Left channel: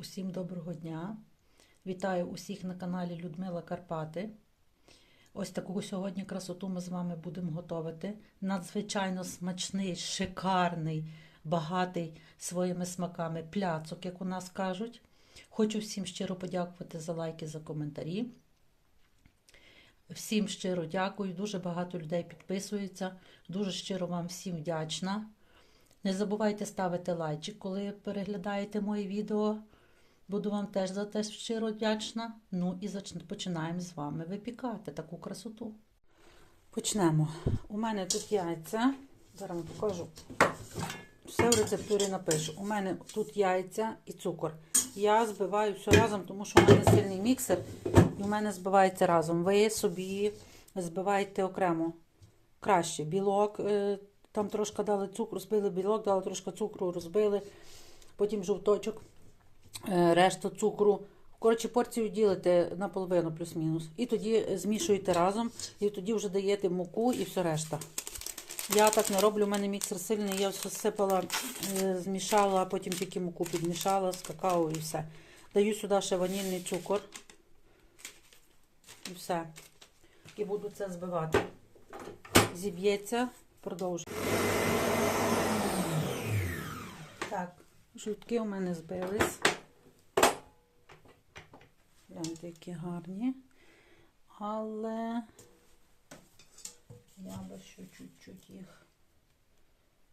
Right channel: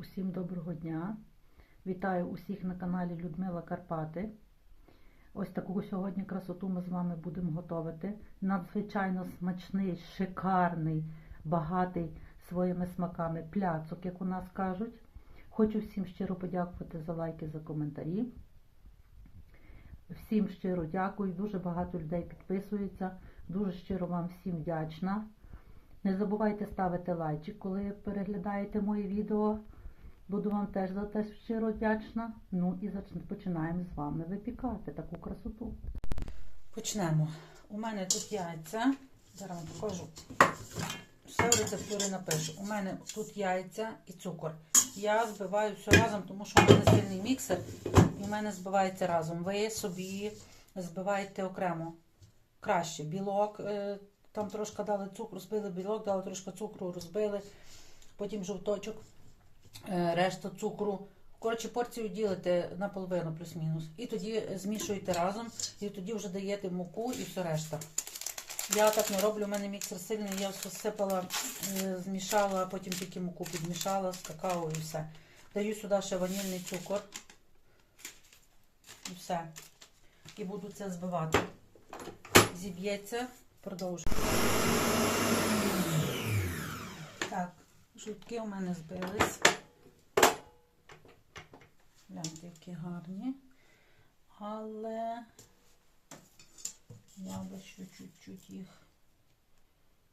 Усім доброго дня! Вітаю усіх на каналі Людмила Карпати. Ось таку сьогодні красоту ми з вами будемо готувати. Надзвичайно смачний, шикарний, багатий своїми смаками пляцок, як у нас кажуть. Хочу всім щиро подякувати за лайки, за коментарі. Всім щиро дякую. Дуже багато людей підписується. Дуже щиро вам всім вдячна. Не забувайте ставити лайчик, коли переглядаєте мої відео. Буду вам теж за те щиро вдячна. Ну і починаємо з вами випікати таку красоту. Почнемо. У мене тут яйця. Зараз вам покажу. Все в рецептурі напишу. У мене тут яйця і цукор. Я збиваю все разом, тому що в мене сильний міксер, і в мене збивається разом. Ви собі збиваєте окремо. Краще. Білок, е, там трошки дали цукру, розбили білок, дали трошки цукру, розбили, потім жовточок, е, решта цукру. Коротше, порцію ділите наполовину плюс-мінус. І тоді змішуєте разом, і тоді вже даєте муку і все решта. Я так не роблю, у мене міксер сильний, я все сипала, е, змішала, а потім тільки муку підмішала з какао і все. Даю сюди ще ванільний цукор. І все. І буду це збивати. Зіб'ється, продовжую. Так, жовтки у мене збились. Гляньте, які гарні. Але я би ще чуть-чуть їх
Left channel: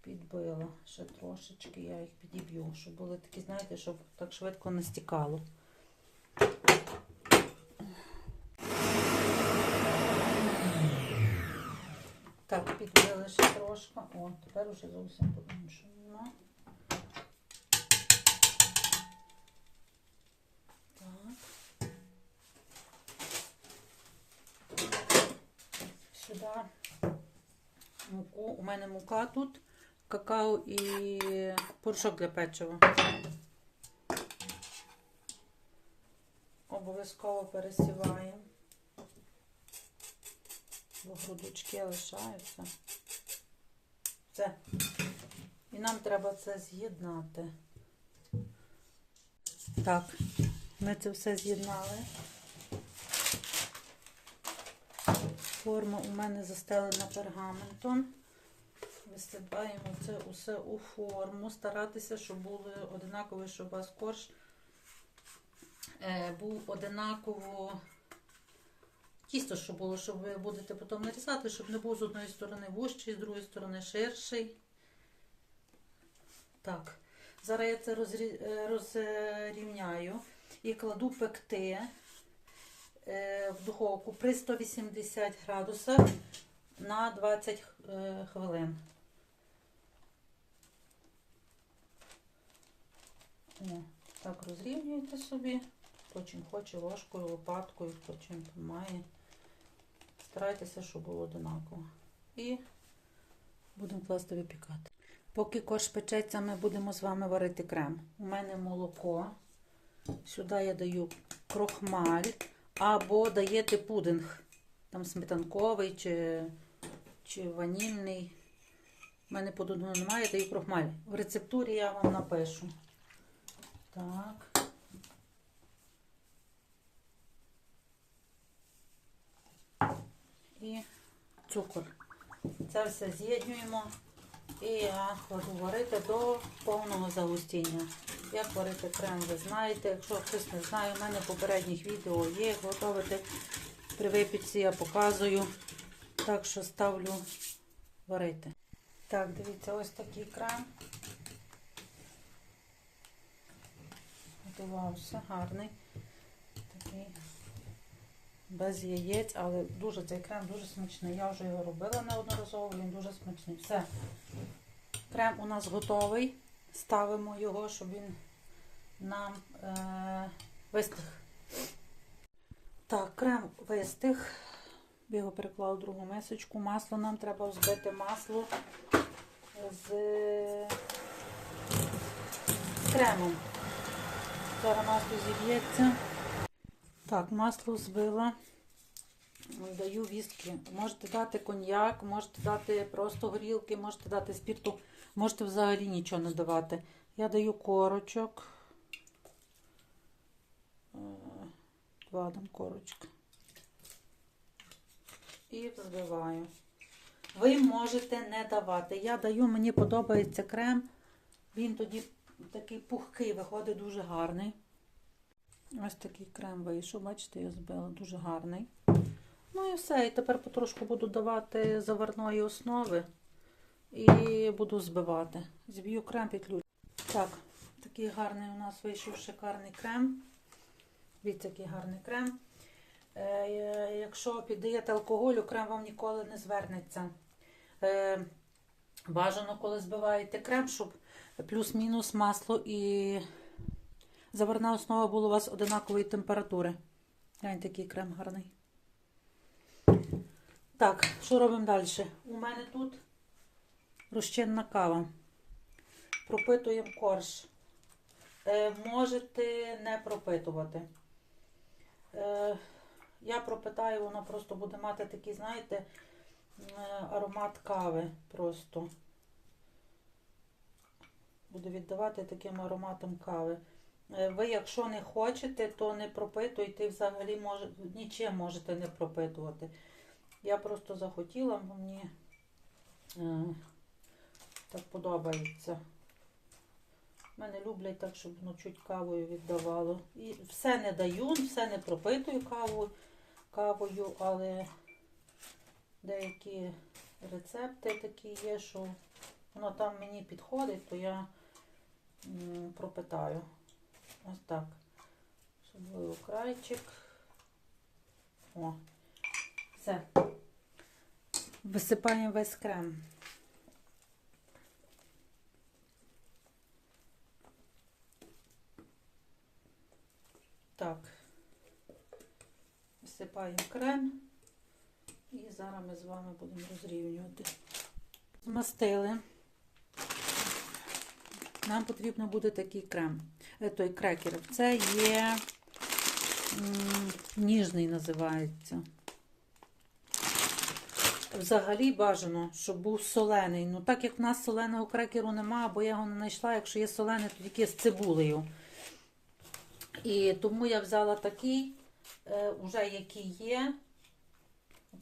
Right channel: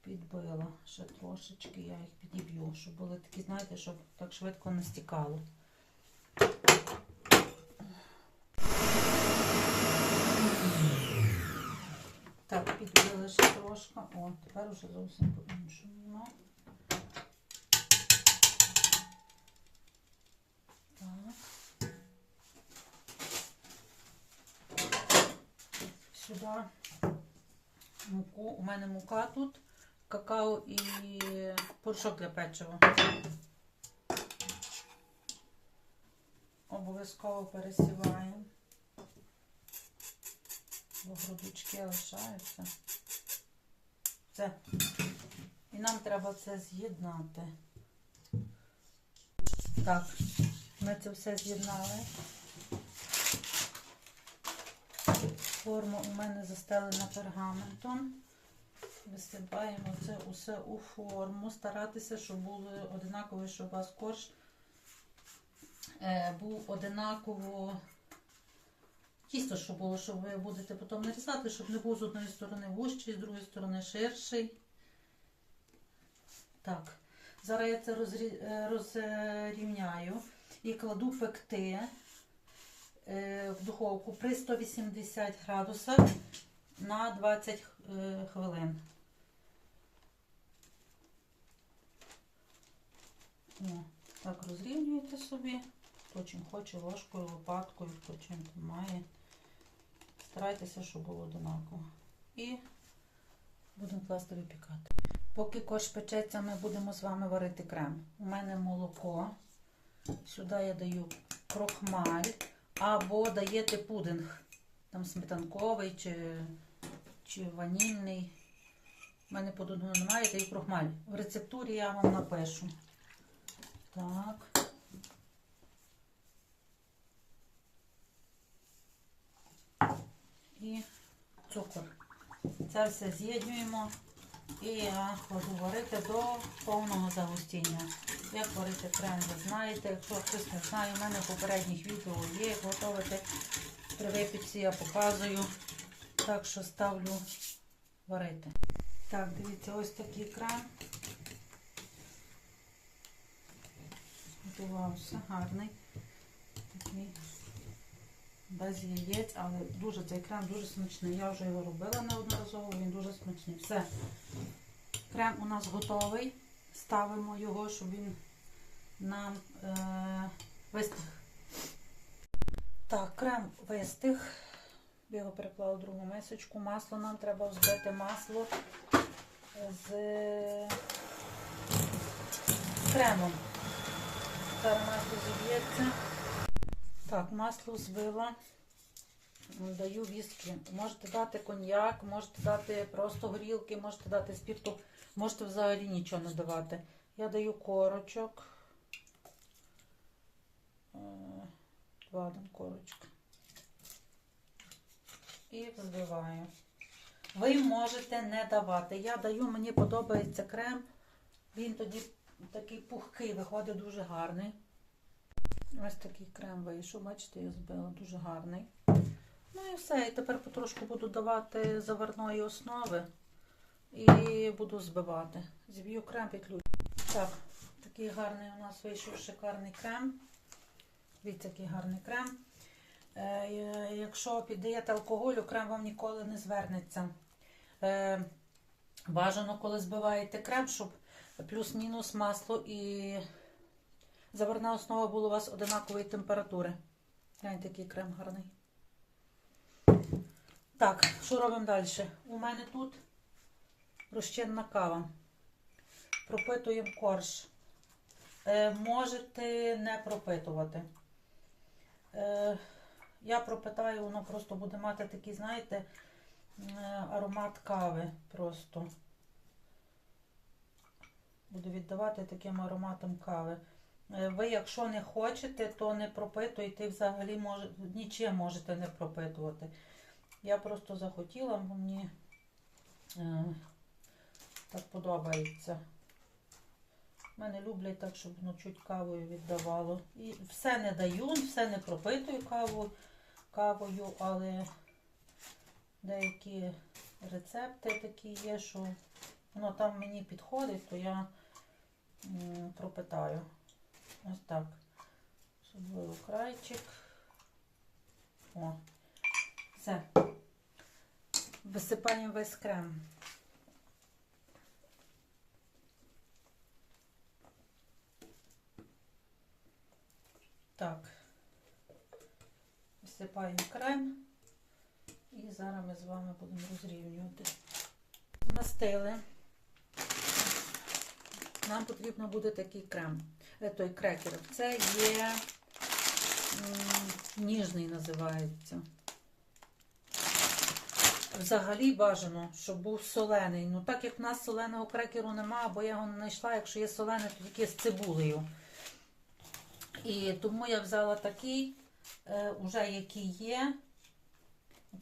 підбила. Ще трошечки я їх підіб'ю, щоб були такі, знаєте, щоб так швидко не стікало. Так, підбили ще трошки. О, тепер вже зовсім по-іншому. Сюди муку. У мене мука тут, какао і порошок для печива. Обов'язково пересіваємо. Бо грудочки лишаються. Все. І нам треба це з'єднати. Так, ми це все з'єднали. Форма у мене застелена пергаментом. Висипаємо це усе у форму. Старатися, щоб були одинакові, щоб у вас корж е, був одинаково. Тісто, щоб було, що ви будете потім нарізати, щоб не був з одної сторони вужчий, з другої сторони ширший. Так, зараз я це е, розрівняю і кладу пекти в духовку при 180 градусах на 20 е, хвилин. О, так розрівнюєте собі. Хто чим хоче ложкою, лопаткою, хто чим там має. Старайтеся, щоб було одинаково. І будемо класти випікати. Поки корж печеться, ми будемо з вами варити крем. У мене молоко. Сюди я даю крохмаль. Або даєте пудинг. Там сметанковий чи, чи ванільний. У мене пудингу немає, даю крохмаль. В рецептурі я вам напишу. Так. І цукор. Це все з'єднуємо. І я кладу варити до повного загустіння. Як варити крем, ви знаєте. Якщо хтось не знає, у мене в попередніх відео є, як готувати. При випічці я показую. Так що ставлю варити. Так, дивіться, ось такий крем. Готувався, гарний. Такий без яєць, але дуже цей крем дуже смачний. Я вже його робила неодноразово, він дуже смачний. Все. Крем у нас готовий. Ставимо його, щоб він нам е- вистиг. Так, крем вистиг. Я його переклала в другу мисочку. Масло нам треба взбити масло з кремом. Зараз масло зіб'ється. Так, масло збила. Даю вістки. Можете дати коньяк, можете дати просто горілки, можете дати спірту, можете взагалі нічого не давати. Я даю корочок. Вадом корочки. І взбиваю. Ви можете не давати. Я даю, мені подобається крем. Він тоді такий пухкий, виходить дуже гарний. Ось такий крем вийшов, бачите, я збила, дуже гарний. Ну і все. І тепер потрошку буду давати заварної основи і буду збивати. Зб'ю крем петлю. Так, такий гарний у нас вийшов шикарний крем. Дивіться, який гарний крем. Е, якщо піддаєте алкоголю, крем вам ніколи не звернеться. Е, бажано, коли збиваєте крем, щоб плюс-мінус масло і заварна основа була у вас одинакової температури. Гляньте, такий крем гарний. Так, що робимо далі? У мене тут розчинна кава. Пропитуємо корж. Е, можете не пропитувати. Е, я пропитаю, воно просто буде мати такий, знаєте, аромат кави просто. Буду віддавати таким ароматом кави. Е, Ви, якщо не хочете, то не пропитуйте взагалі може, нічим можете не пропитувати. Я просто захотіла, мені е, так подобається. Мене люблять так, щоб ну, чуть кавою віддавало. І все не даю, все не пропитую кавою, кавою, але деякі рецепти такі є, що воно там мені підходить, то я м, пропитаю. Ось так. Особливо крайчик. О, все. Висипаємо весь крем. Так, всипаємо крем і зараз ми з вами будемо розрівнювати. Змастили. Нам потрібно буде такий крем, той крекер. Це є ніжний називається. Взагалі бажано, щоб був солений. Ну, так як в нас соленого крекеру немає, або я його не знайшла, якщо є солений, то тільки з цибулею. І тому я взяла такий, е, уже який є,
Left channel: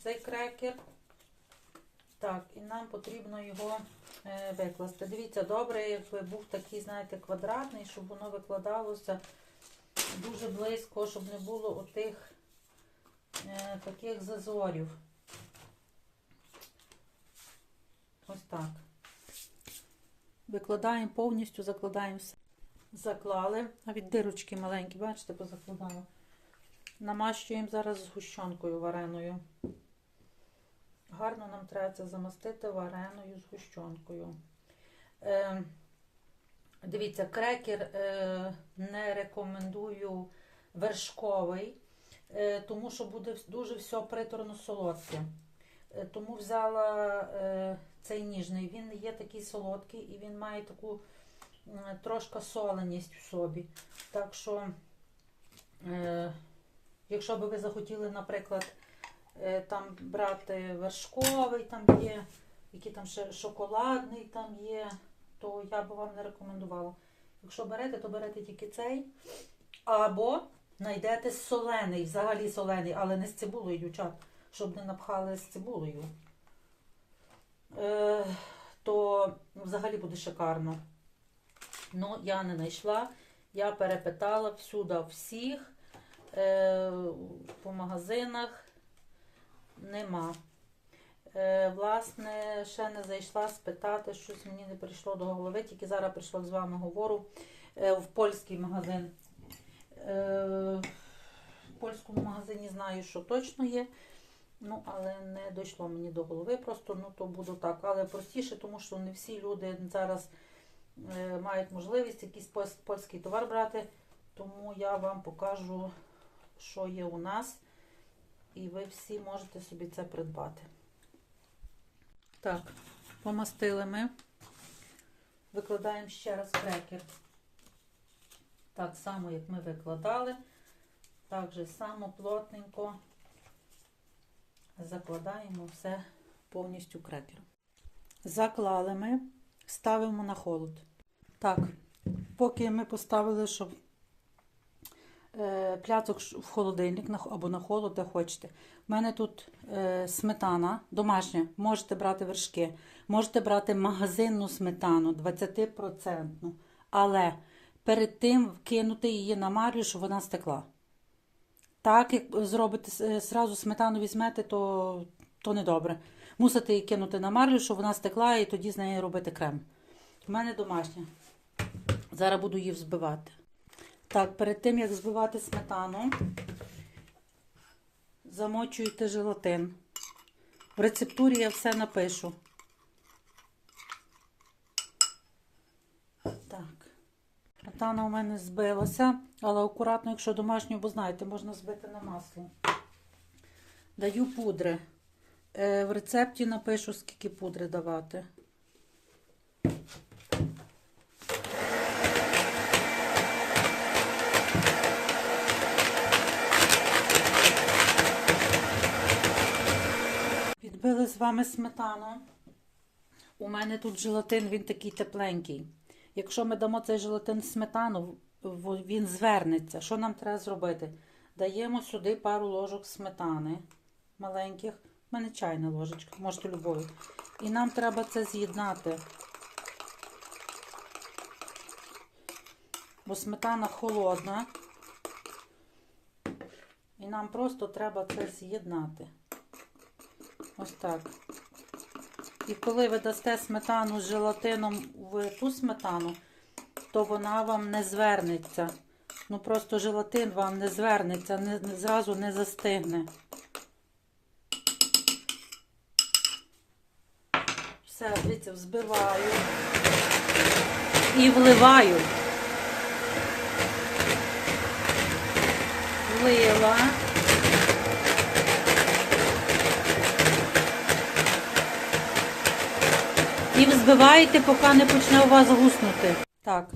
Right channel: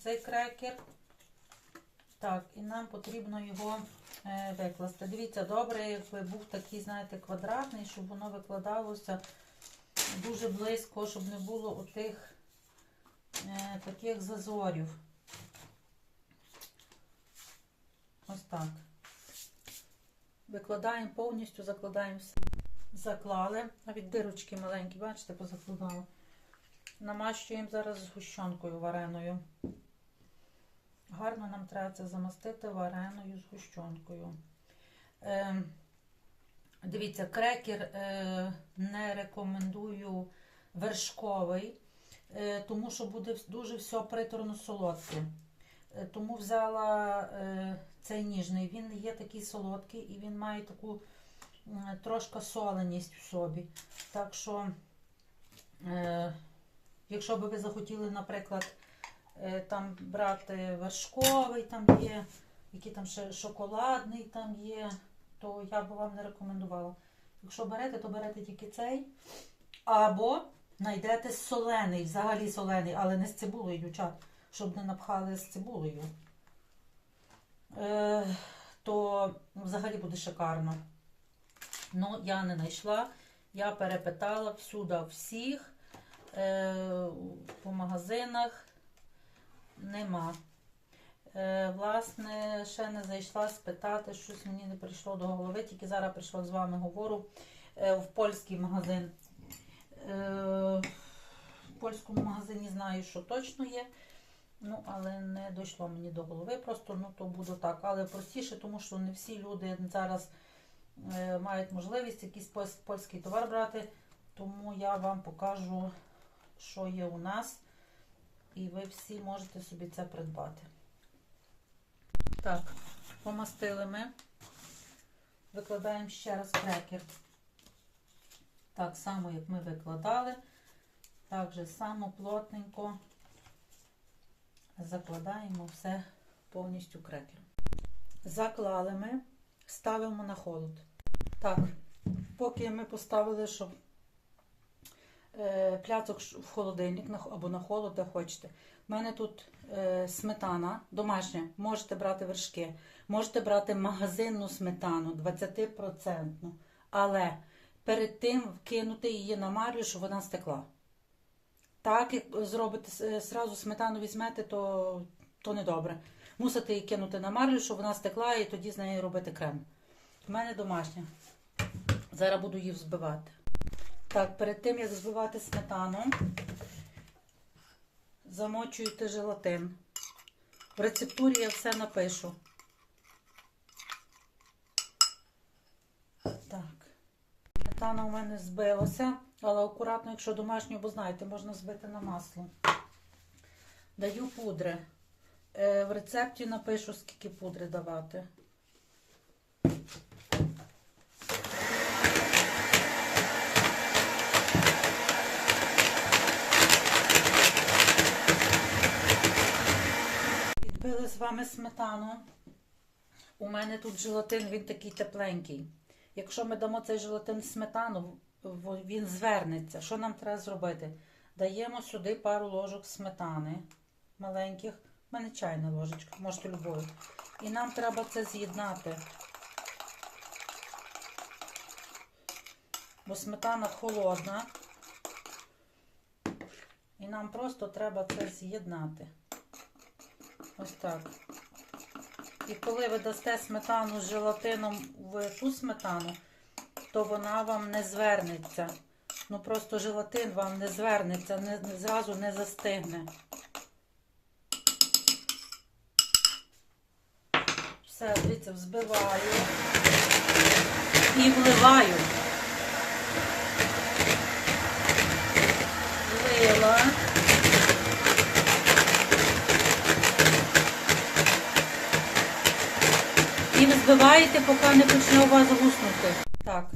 цей крекер. Так, і нам потрібно його е, викласти. Дивіться, добре, якби був такий, знаєте, квадратний, щоб воно викладалося дуже близько, щоб не було отих е, таких зазорів. Ось так. Викладаємо повністю, закладаємо все. Заклали, навіть дирочки маленькі, бачите, позакладала. Намащуємо зараз згущенкою вареною. Гарно нам треба це замастити вареною згущенкою. Е, дивіться, крекер е, не рекомендую вершковий, е, тому що буде дуже все приторно солодке. Е, тому взяла е, цей ніжний. Він є такий солодкий і він має таку м, трошки соленість в собі. Так що, е, якщо би ви захотіли, наприклад, е, там брати вершковий, там є, який там ще шоколадний там є, то я би вам не рекомендувала. Якщо берете, то берете тільки цей. Або знайдете солений, взагалі солений, але не з цибулею, дівчат, щоб не напхали з цибулею. Е, то взагалі буде шикарно. Ну, я не знайшла. Я перепитала всюди всіх е, по магазинах нема. Е, власне, ще не зайшла спитати, щось мені не прийшло до голови, тільки зараз прийшла з вами говорю е, в польський магазин. Е, в польському магазині знаю, що точно є. Ну, але не дійшло мені до голови, просто ну то буде так. Але простіше, тому що не всі люди зараз мають можливість якийсь польський товар брати. Тому я вам покажу, що є у нас, і ви всі можете собі це придбати. Так, помастили ми. Викладаємо ще раз крекер. Так само, як ми викладали. Так же само плотненько закладаємо все повністю крекером. Заклали ми, ставимо на холод. Так, поки ми поставили, щоб пляцок в холодильник або на холод, де хочете. У мене тут е, сметана домашня, можете брати вершки, можете брати магазинну сметану 20%. Але перед тим кинути її на марлю, щоб вона стекла. Так, як зробите зразу сметану візьмете, то, то не добре. Мусите її кинути на марлю, щоб вона стекла, і тоді з неї робити крем. У мене домашня. Зараз буду її взбивати. Так, перед тим як збивати сметану, замочуєте желатин. В рецептурі я все напишу. Так. Сметана у мене збилася, але акуратно, якщо домашню, бо знаєте, можна збити на масло. Даю пудри. Е, В рецепті напишу, скільки пудри давати. Підбили з вами сметану. У мене тут желатин, він такий тепленький. Якщо ми дамо цей желатин сметану, він звернеться. Що нам треба зробити? Даємо сюди пару ложок сметани маленьких. У мене чайна ложечка, можете любові. І нам треба це з'єднати. Бо сметана холодна. І нам просто треба це з'єднати. Ось так. І коли ви дасте сметану з желатином в ту сметану, то вона вам не звернеться. Ну просто желатин вам не звернеться, не, не- зразу не застигне. Все, дивіться, взбиваю і вливаю. Влила. І поки не почне у вас гуснути. Так,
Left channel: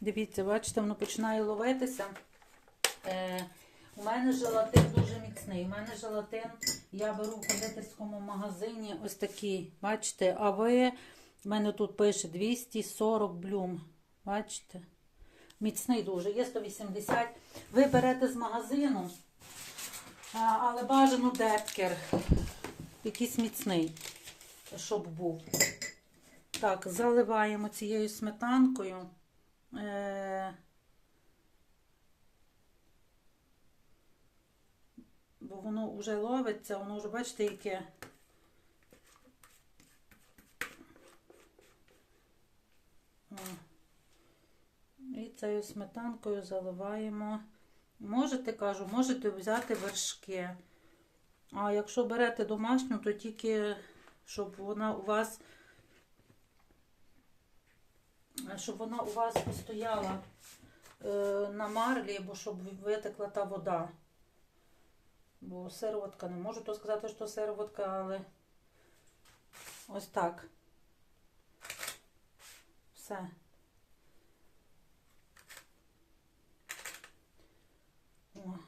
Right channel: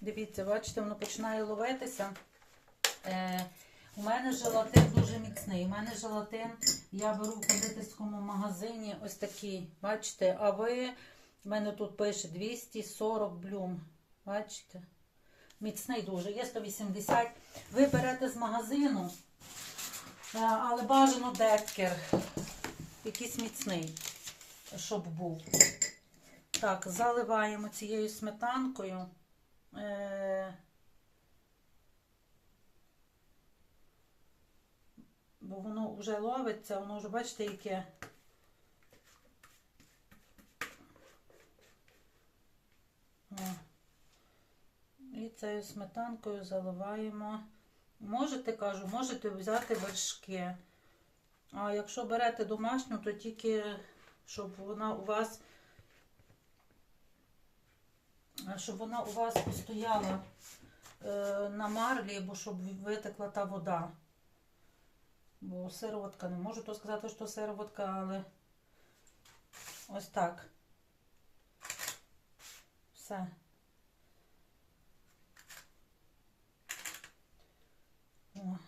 дивіться, бачите, воно починає ловитися. Е, у мене желатин дуже міцний. У мене желатин я беру в кондитерському магазині ось такий. Бачите, а ви, в мене тут пише 240 блюм. Бачите? Міцний дуже, є 180. Ви берете з магазину, але бажано декер. Якийсь міцний, щоб був. Так, заливаємо цією сметанкою. Е, бо воно вже ловиться, воно вже, бачите, яке. І цією сметанкою заливаємо. Можете, кажу, можете взяти вершки. А якщо берете домашню, то тільки, щоб вона у вас щоб вона у вас постояла е, на марлі, або щоб витекла та вода. Бо сироватка, не можу то сказати, що сироватка, але ось так. Все. О.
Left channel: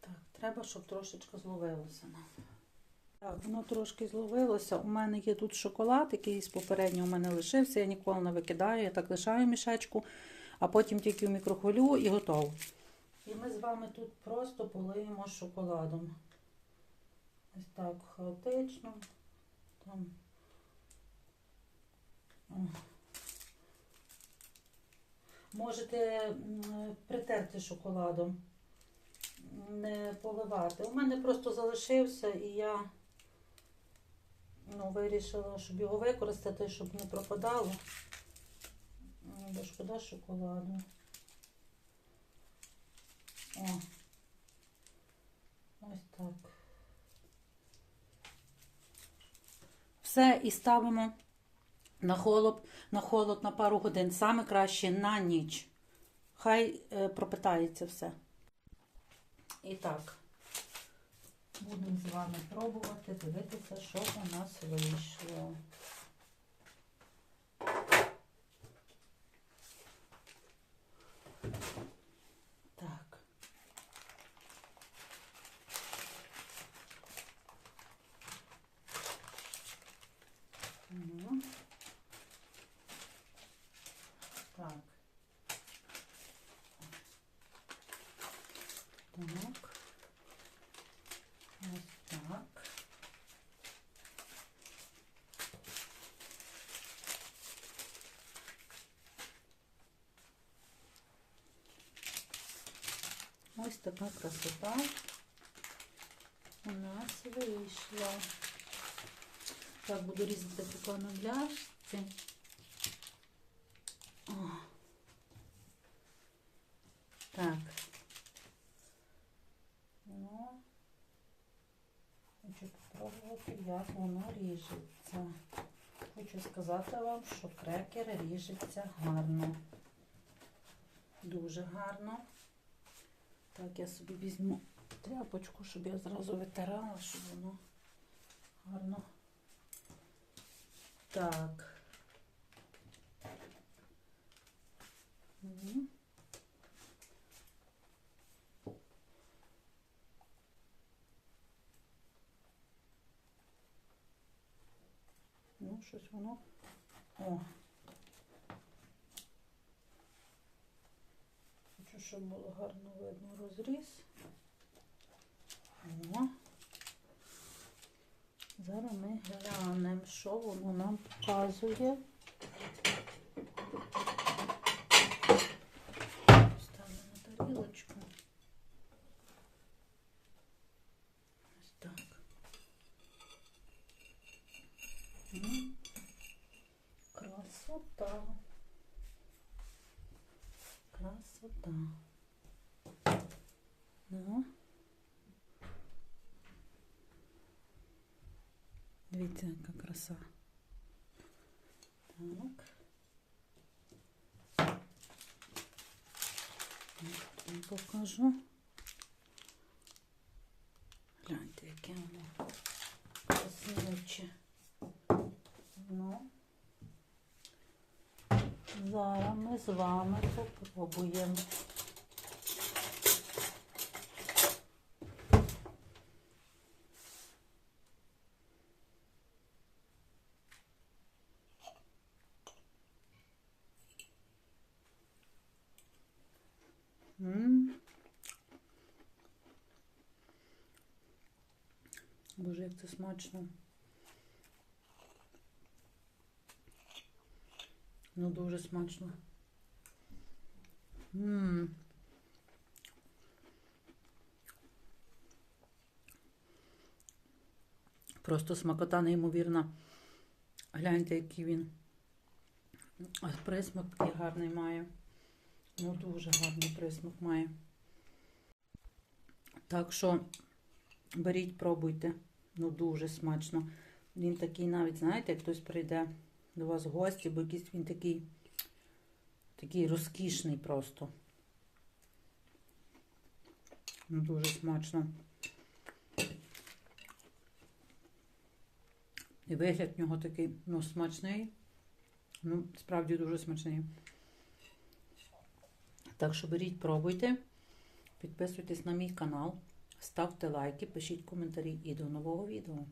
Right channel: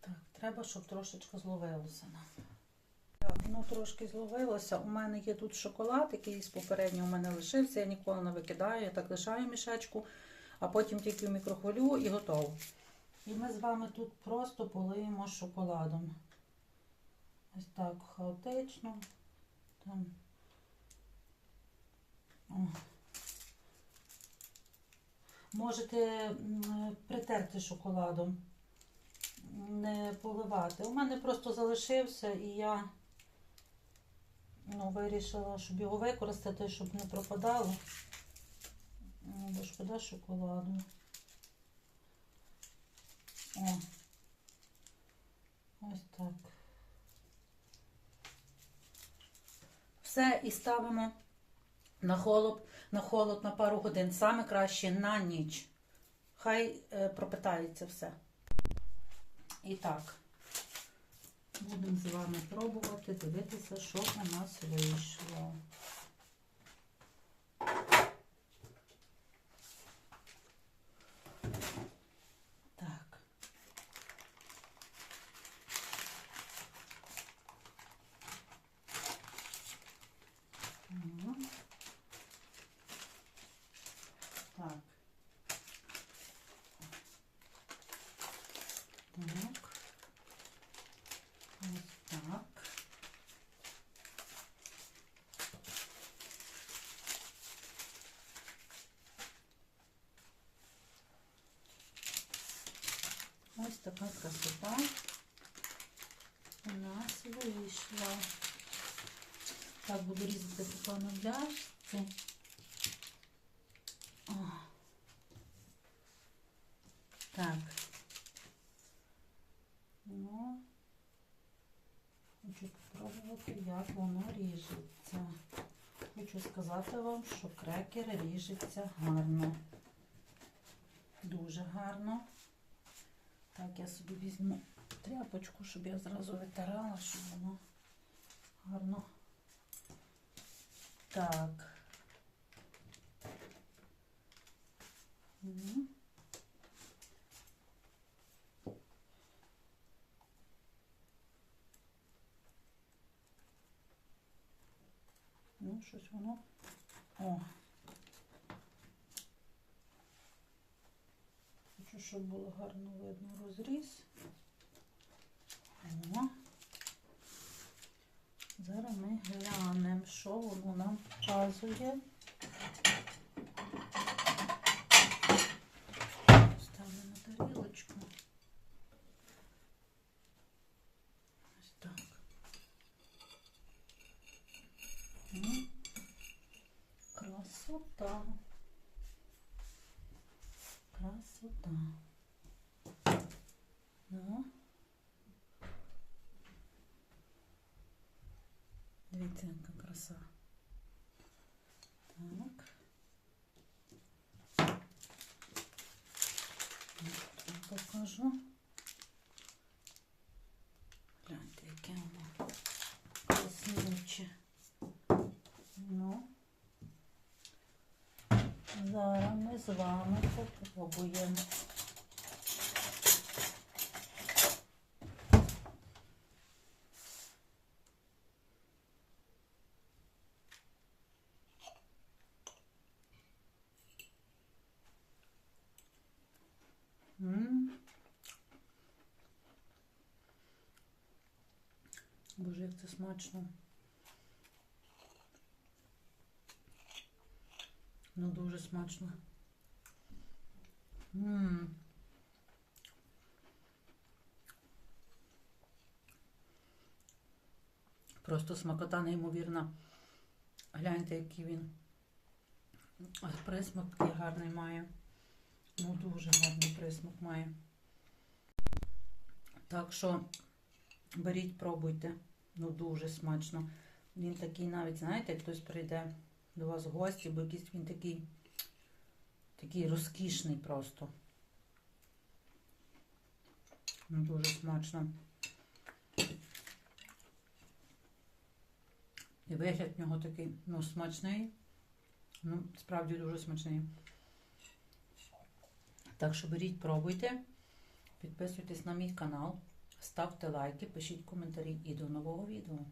Так, треба, щоб трошечки зловилося нам. Воно трошки зловилося. У мене є тут шоколад, який з попереднього у мене лишився. Я ніколи не викидаю, я так лишаю мішечку, а потім тільки в мікрохвилю і готово. І ми з вами тут просто полиємо шоколадом. Ось так хаотично. Там. Можете притерти шоколадом, не поливати. У мене просто залишився і я ну, вирішила, щоб його використати, щоб не пропадало. Ну, Бо шкода шоколаду. О. Ось так. Все, і ставимо на холод, на холод на пару годин. Саме краще на ніч. Хай е, пропитається все. І так. Будемо з вами пробувати, дивитися, що у нас вийшло. Так. Мгм. Так. Ось така красота у нас вийшла. Так, буду різати пляшці. О. Так. Хочу спробувати, як воно ріжеться. Хочу сказати вам, що крекер ріжеться гарно. Дуже гарно. Так, я собі візьму тряпочку, щоб я зразу витирала, щоб воно гарно. Так. Ну, щось воно. О. Хочу, щоб було гарно видно розріз. О. Зараз ми глянемо, що воно нам показує. Ставлю на тарілочку. Ось так. Ну, Красота. Красота. Ну. Дивіться, яка краса. Так. Вам покажу. Гляньте, яке воно красивоче. Ну. Зараз з вами попробуємо. Боже, як це смачно. Ну, дуже смачно. М. Просто смакота неймовірна. Гляньте, який він. Присмак такий гарний має. Ну, дуже гарний присмак має. Так що беріть, пробуйте. Ну, дуже смачно. Він такий навіть, знаєте, хтось прийде до вас в гості, бо якийсь він такий, такий розкішний просто. Дуже смачно. І вигляд в нього такий, ну, смачний. Ну, справді дуже смачний. Так що беріть, пробуйте, підписуйтесь на мій канал, ставте лайки, пишіть коментарі і до нового відео.